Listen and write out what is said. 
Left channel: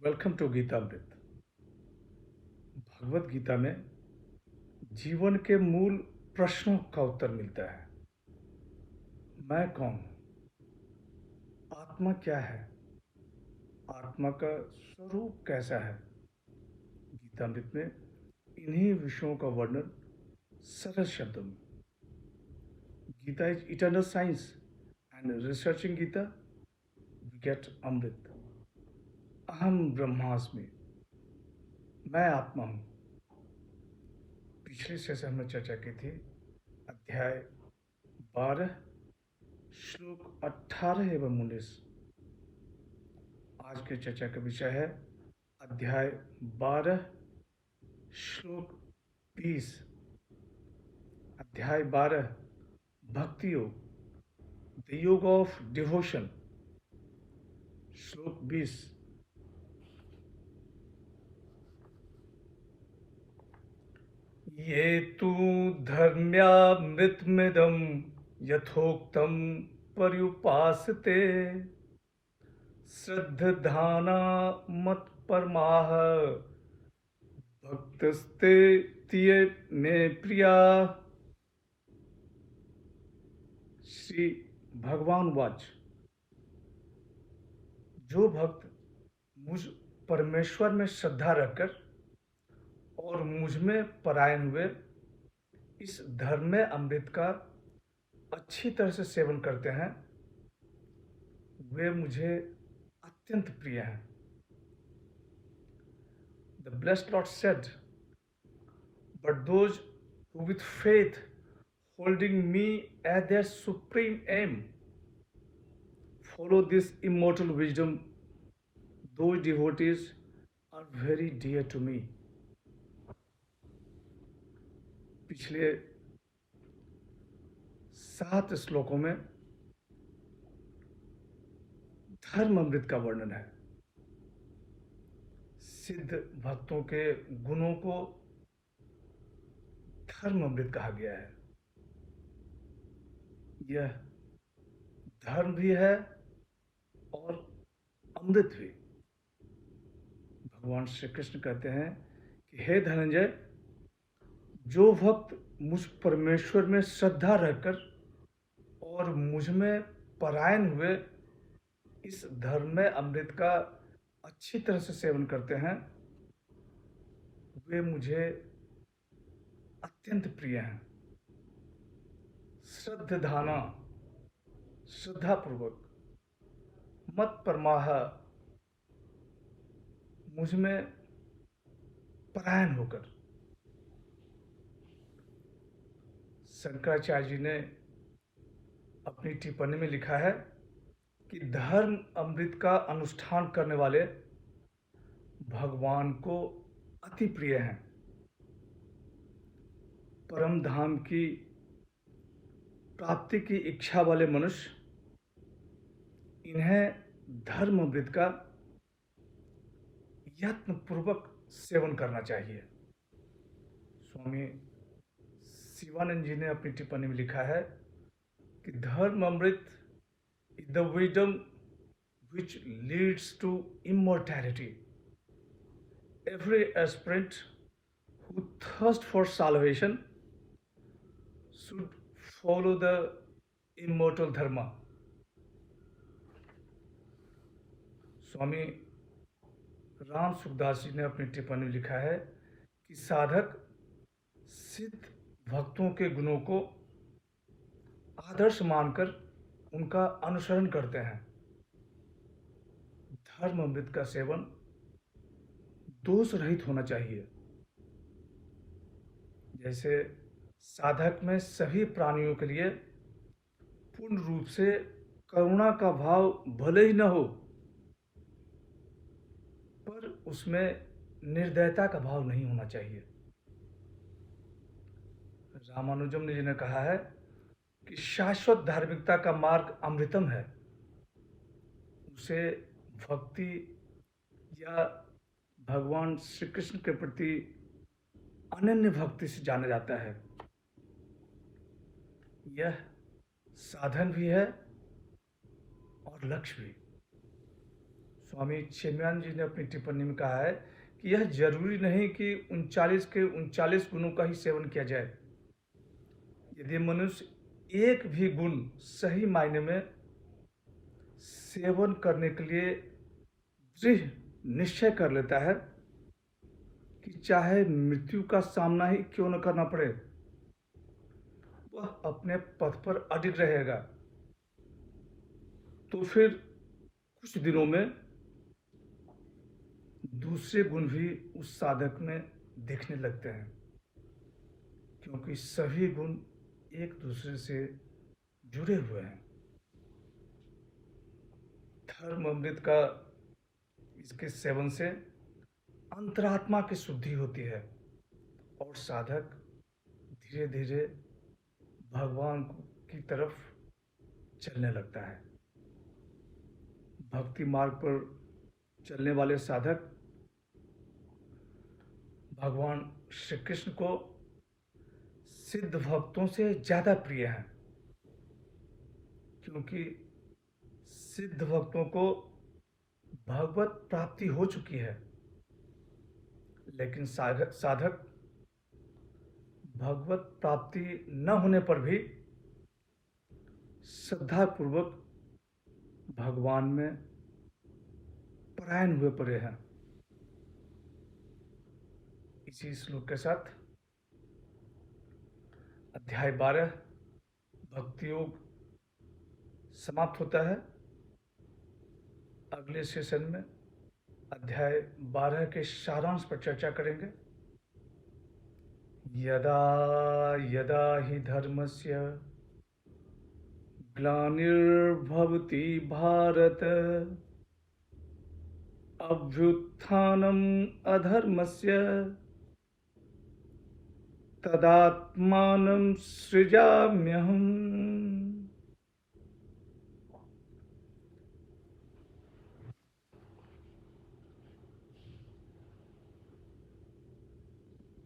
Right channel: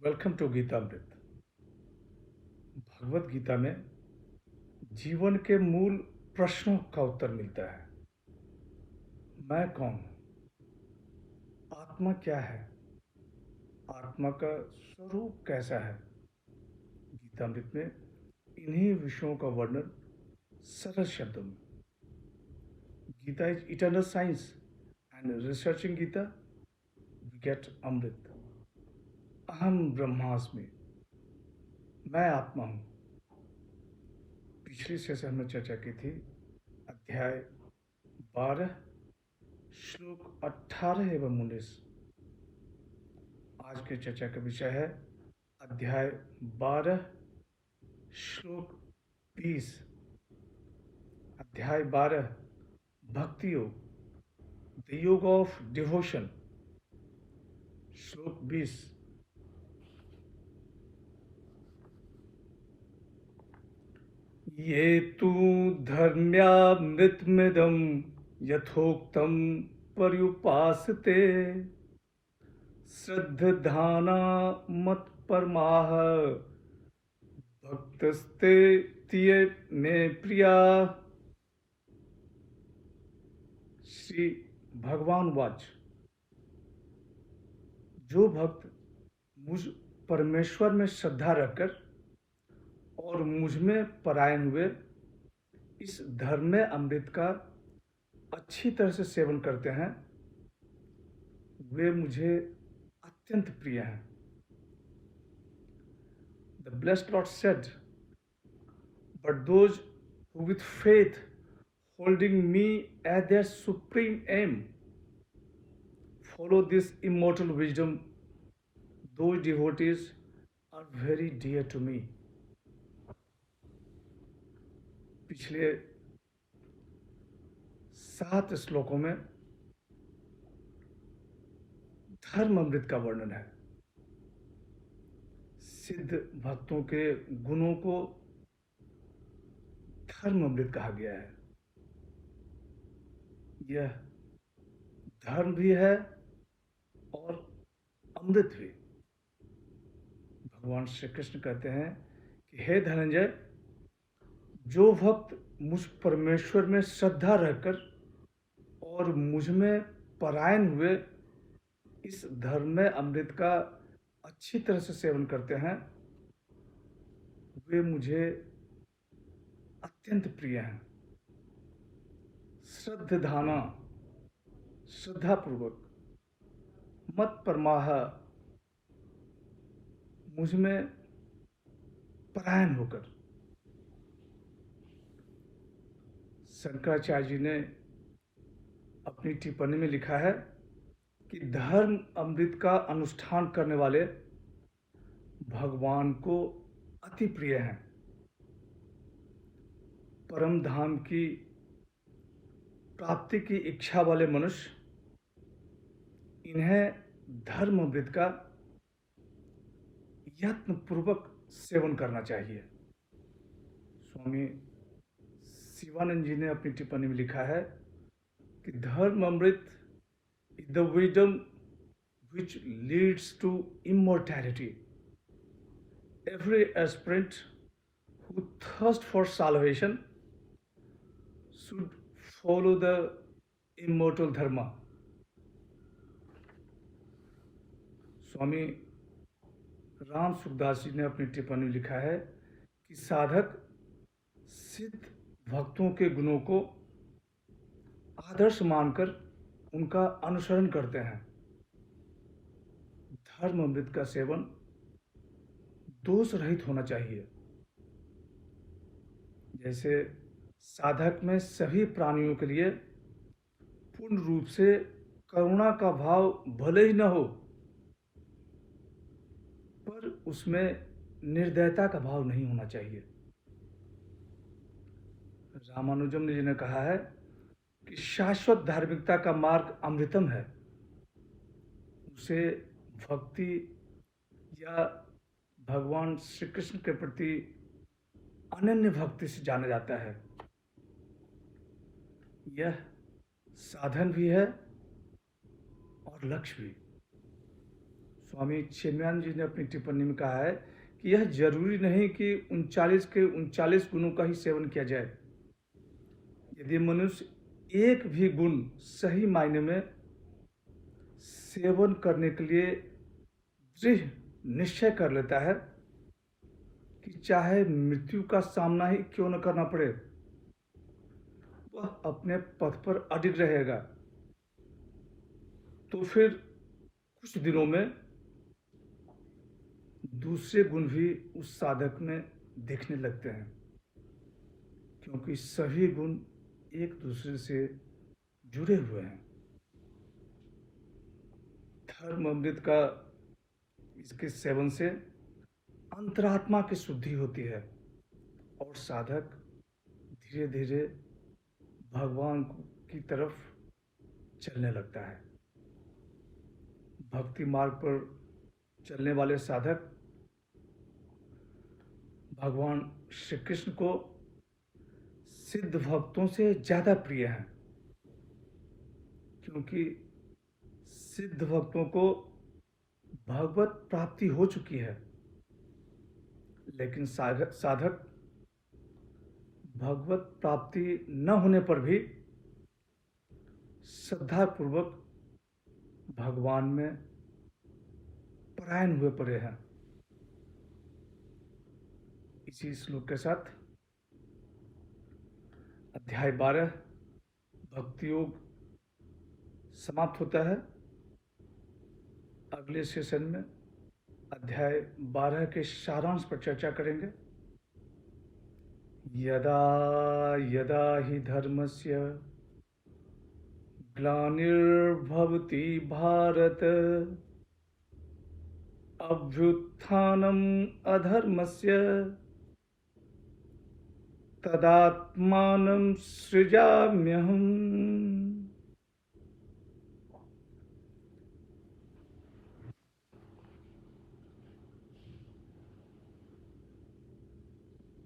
Welcome to Geetamrit. Bhagavad Gita में जीवन के मूल प्रश्नों का उत्तर मिलता है। मैं कौन हूँ? आत्मा क्या है? आत्मा का स्वरूप कैसा है? गीतामृत में इन्हीं विषयों का वर्णन सरल शब्दों में। Gita is eternal science and researching Gita we get amrit. अहम ब्रह्मास्मि, मैं आत्मा हूँ। पिछली सेशन में चर्चा की थी अध्याय 12 श्लोक 18 एवं 19। आज की चर्चा का विषय है अध्याय 12 श्लोक 20। अध्याय 12 भक्ति योग, द योग ऑफ डिवोशन। श्लोक 20। ये तु धर्म्यामृतमिदं यथोक्तं पर्युपासते श्रद्धाना मत्परमाः भक्तस्ते तिये मे प्रिया। श्री भगवान वाच, जो भक्त मुझ परमेश्वर में श्रद्धा रखकर और मुझ में परायण हुए इस धर्म में अमृत का अच्छी तरह से सेवन करते हैं, वे मुझे अत्यंत प्रिय हैं। The blessed Lord said, but those who with faith holding me as their supreme aim follow this immortal wisdom, those devotees are very dear to me. पिछले 7 श्लोकों में धर्म अमृत का वर्णन है। सिद्ध भक्तों के गुणों को धर्म अमृत कहा गया है। यह धर्म भी है और अमृत भी। भगवान श्री कृष्ण कहते हैं कि हे धनंजय, जो भक्त मुझ परमेश्वर में श्रद्धा रखकर और मुझ में परायण हुए इस धर्म में अमृत का अच्छी तरह से सेवन करते हैं, वे मुझे अत्यंत प्रिय हैं। श्रद्धाना, श्रद्धापूर्वक, मत परमाह, मुझ में परायण होकर। शंकराचार्य जी ने अपनी टिप्पणी में लिखा है कि धर्म अमृत का अनुष्ठान करने वाले भगवान को अति प्रिय हैं। परम धाम की प्राप्ति की इच्छा वाले मनुष्य इन्हें धर्म अमृत का यत्न पूर्वक सेवन करना चाहिए। स्वामी शिवानंद जी ने अपनी टिप्पणी में लिखा है कि धर्म अमृत is the wisdom which leads to immortality. Every aspirant who thirsts for salvation should follow the immortal dharma. स्वामी राम सुखदास जी ने अपनी टिप्पणी में लिखा है कि साधक सिद्ध भक्तों के गुणों को आदर्श मानकर उनका अनुसरण करते हैं। धर्म अमृत का सेवन दोष रहित होना चाहिए। जैसे साधक में सभी प्राणियों के लिए पूर्ण रूप से करुणा का भाव भले ही न हो, पर उसमें निर्दयता का भाव नहीं होना चाहिए। रामानुजम जी ने कहा है कि शाश्वत धार्मिकता का मार्ग अमृतम है। उसे भक्ति या भगवान श्री कृष्ण के प्रति अनन्य भक्ति से जाना जाता है। यह साधन भी है और लक्ष्य भी। स्वामी चिन्मयानंद जी ने अपनी टिप्पणी में कहा है कि यह जरूरी नहीं कि 39 के 39 गुणों का ही सेवन किया जाए। यदि मनुष्य एक भी गुण सही मायने में सेवन करने के लिए दृढ़ निश्चय कर लेता है कि चाहे मृत्यु का सामना ही क्यों न करना पड़े, वह अपने पथ पर अडिग रहेगा। तो फिर कुछ दिनों में दूसरे गुण भी उस साधक में दिखने लगते हैं, क्योंकि सभी गुण एक दूसरे से जुड़े हुए हैं। धर्म अमृत का इसके सेवन से अंतरात्मा की शुद्धि होती है और साधक धीरे धीरे भगवान की तरफ चलने लगता है। भक्ति मार्ग पर चलने वाले साधक भगवान श्री कृष्ण को सिद्ध भक्तों से ज्यादा प्रिय हैं, क्योंकि सिद्ध भक्तों को भगवत प्राप्ति हो चुकी है। लेकिन साधक भगवत प्राप्ति न होने पर भी श्रद्धा पूर्वक भगवान में परायण हुए पड़े हैं। इसी श्लोक के साथ अध्याय 12 भक्ति योग समाप्त होता है। अगले सेशन में अध्याय 12 के सारांश पर चर्चा करेंगे। यदा यदा हि धर्मस्य ग्लानिर्भवति भारत अभ्युत्थानम् अधर्मस्य तदात्मानं सृजाम्यहम्।